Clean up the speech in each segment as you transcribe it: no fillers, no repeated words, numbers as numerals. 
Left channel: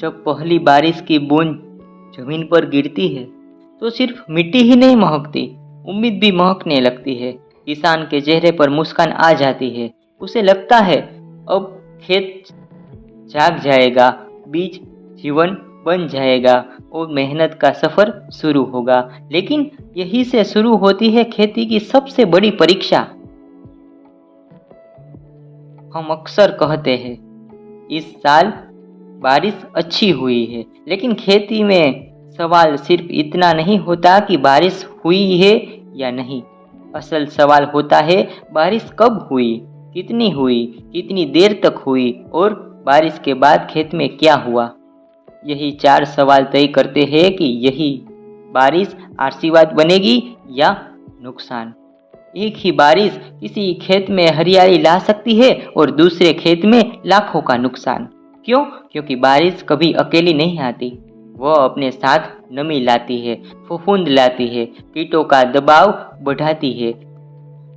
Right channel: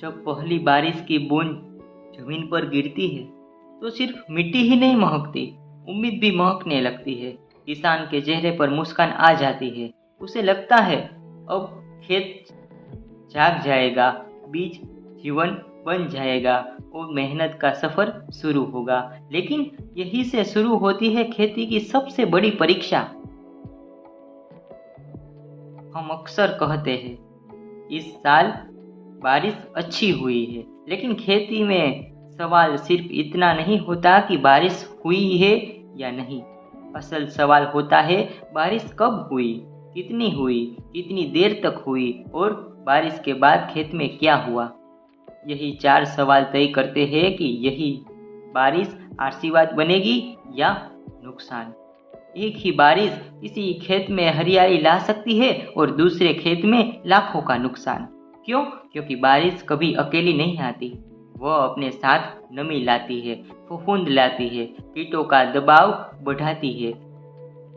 जब पहली बारिश की बूंद जमीन पर गिरती है तो सिर्फ मिट्टी ही नहीं महकती, उम्मीद भी महकने लगती है। किसान के चेहरे पर मुस्कान आ जाती है। उसे लगता है अब खेत जाग जाएगा, बीज जीवन बन जाएगा और मेहनत का सफर शुरू होगा। लेकिन यही से शुरू होती है खेती की सबसे बड़ी परीक्षा। हम अक्सर कहते हैं इस साल बारिश अच्छी हुई है, लेकिन खेती में सवाल सिर्फ इतना नहीं होता कि बारिश हुई है या नहीं। असल सवाल होता है बारिश कब हुई, कितनी हुई, कितनी देर तक हुई और बारिश के बाद खेत में क्या हुआ। यही 4 सवाल तय करते हैं कि यही बारिश आशीर्वाद बनेगी या नुकसान। एक ही बारिश किसी खेत में हरियाली ला सकती है और दूसरे खेत में लाखों का नुकसान। क्यों? क्योंकि बारिश कभी अकेली नहीं आती। वह अपने साथ नमी लाती है, फफूंद लाती है, कीटों का दबाव बढ़ाती है,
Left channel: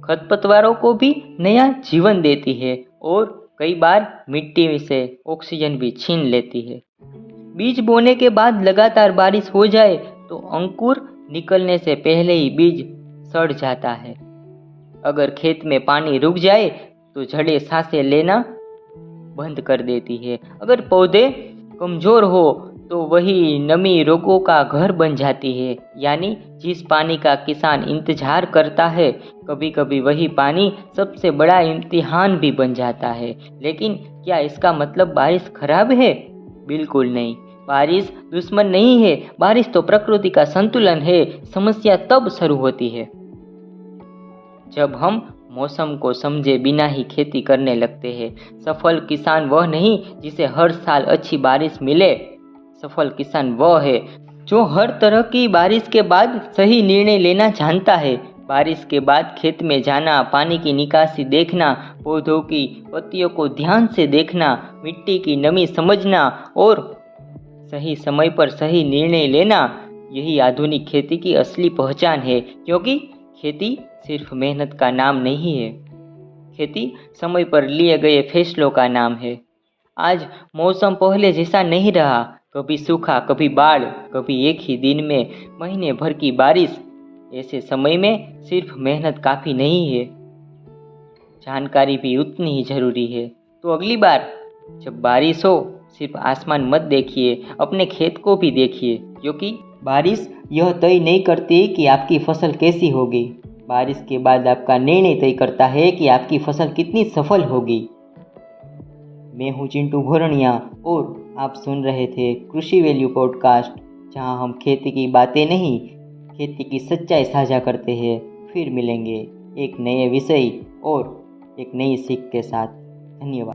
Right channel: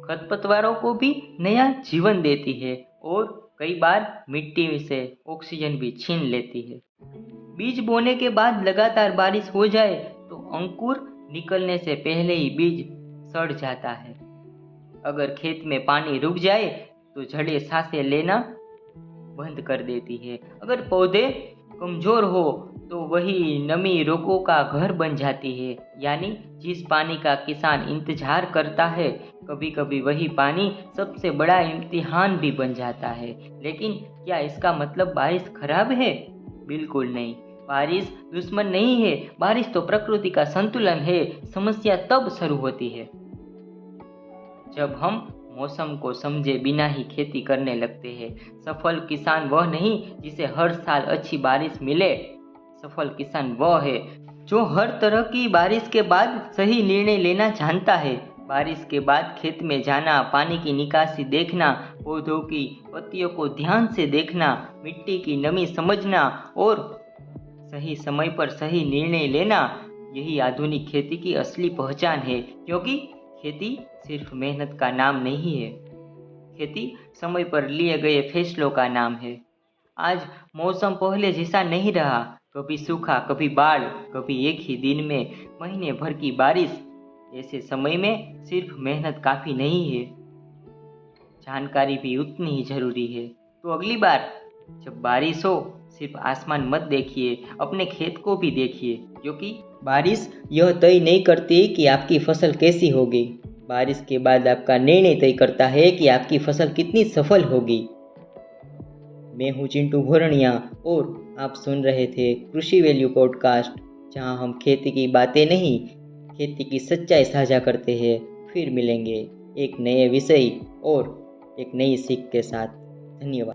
खरपतवारों को भी नया जीवन देती है और कई बार मिट्टी से ऑक्सीजन भी छीन लेती है। बीज बोने के बाद लगातार बारिश हो जाए तो अंकुर निकलने से पहले ही बीज सड़ जाता है। अगर खेत में पानी रुक जाए तो जड़ें सांसें लेना बंद कर देती है। अगर पौधे कमजोर हो तो वही नमी रोगों का घर बन जाती है। यानी जिस पानी का किसान इंतजार करता है, कभी कभी वही पानी सबसे बड़ा इम्तिहान भी बन जाता है। लेकिन क्या इसका मतलब बारिश खराब है? बिल्कुल नहीं। बारिश दुश्मन नहीं है, बारिश तो प्रकृति का संतुलन है। समस्या तब शुरू होती है जब हम मौसम को समझे बिना ही खेती करने लगते हैं। सफल किसान वह नहीं जिसे हर साल अच्छी बारिश मिले। सफल किसान वह है जो हर तरह की बारिश के बाद सही निर्णय लेना जानता है। बारिश के बाद खेत में जाना, पानी की निकासी देखना, पौधों की पत्तियों को ध्यान से देखना, मिट्टी की नमी समझना और सही समय पर सही निर्णय लेना, यही आधुनिक खेती की असली पहचान है। क्योंकि खेती सिर्फ मेहनत का नाम नहीं है, खेती समय पर लिए गए फैसलों का नाम है। आज मौसम पहले जैसा नहीं रहा, कभी सूखा, कभी बाढ़, कभी एक ही दिन में महीने भर की बारिश। ऐसे समय में सिर्फ मेहनत काफ़ी नहीं है, जानकारी भी उतनी ही जरूरी है। तो अगली बार जब बारिश हो सिर्फ आसमान मत देखिए, अपने खेत को भी देखिए। क्योंकि बारिश यह तय नहीं करती कि आपकी फसल कैसी होगी, बारिश के बाद आपका निर्णय तय करता है कि आपकी फसल कितनी सफल होगी। मैं हूँ चिंटू भोरनिया और आप सुन रहे थे कृषि वैल्यू पॉडकास्ट, जहाँ हम खेती की बातें नहीं, खेती की सच्चाई साझा करते हैं। फिर मिलेंगे एक नए विषय और एक नई सीख के साथ। धन्यवाद।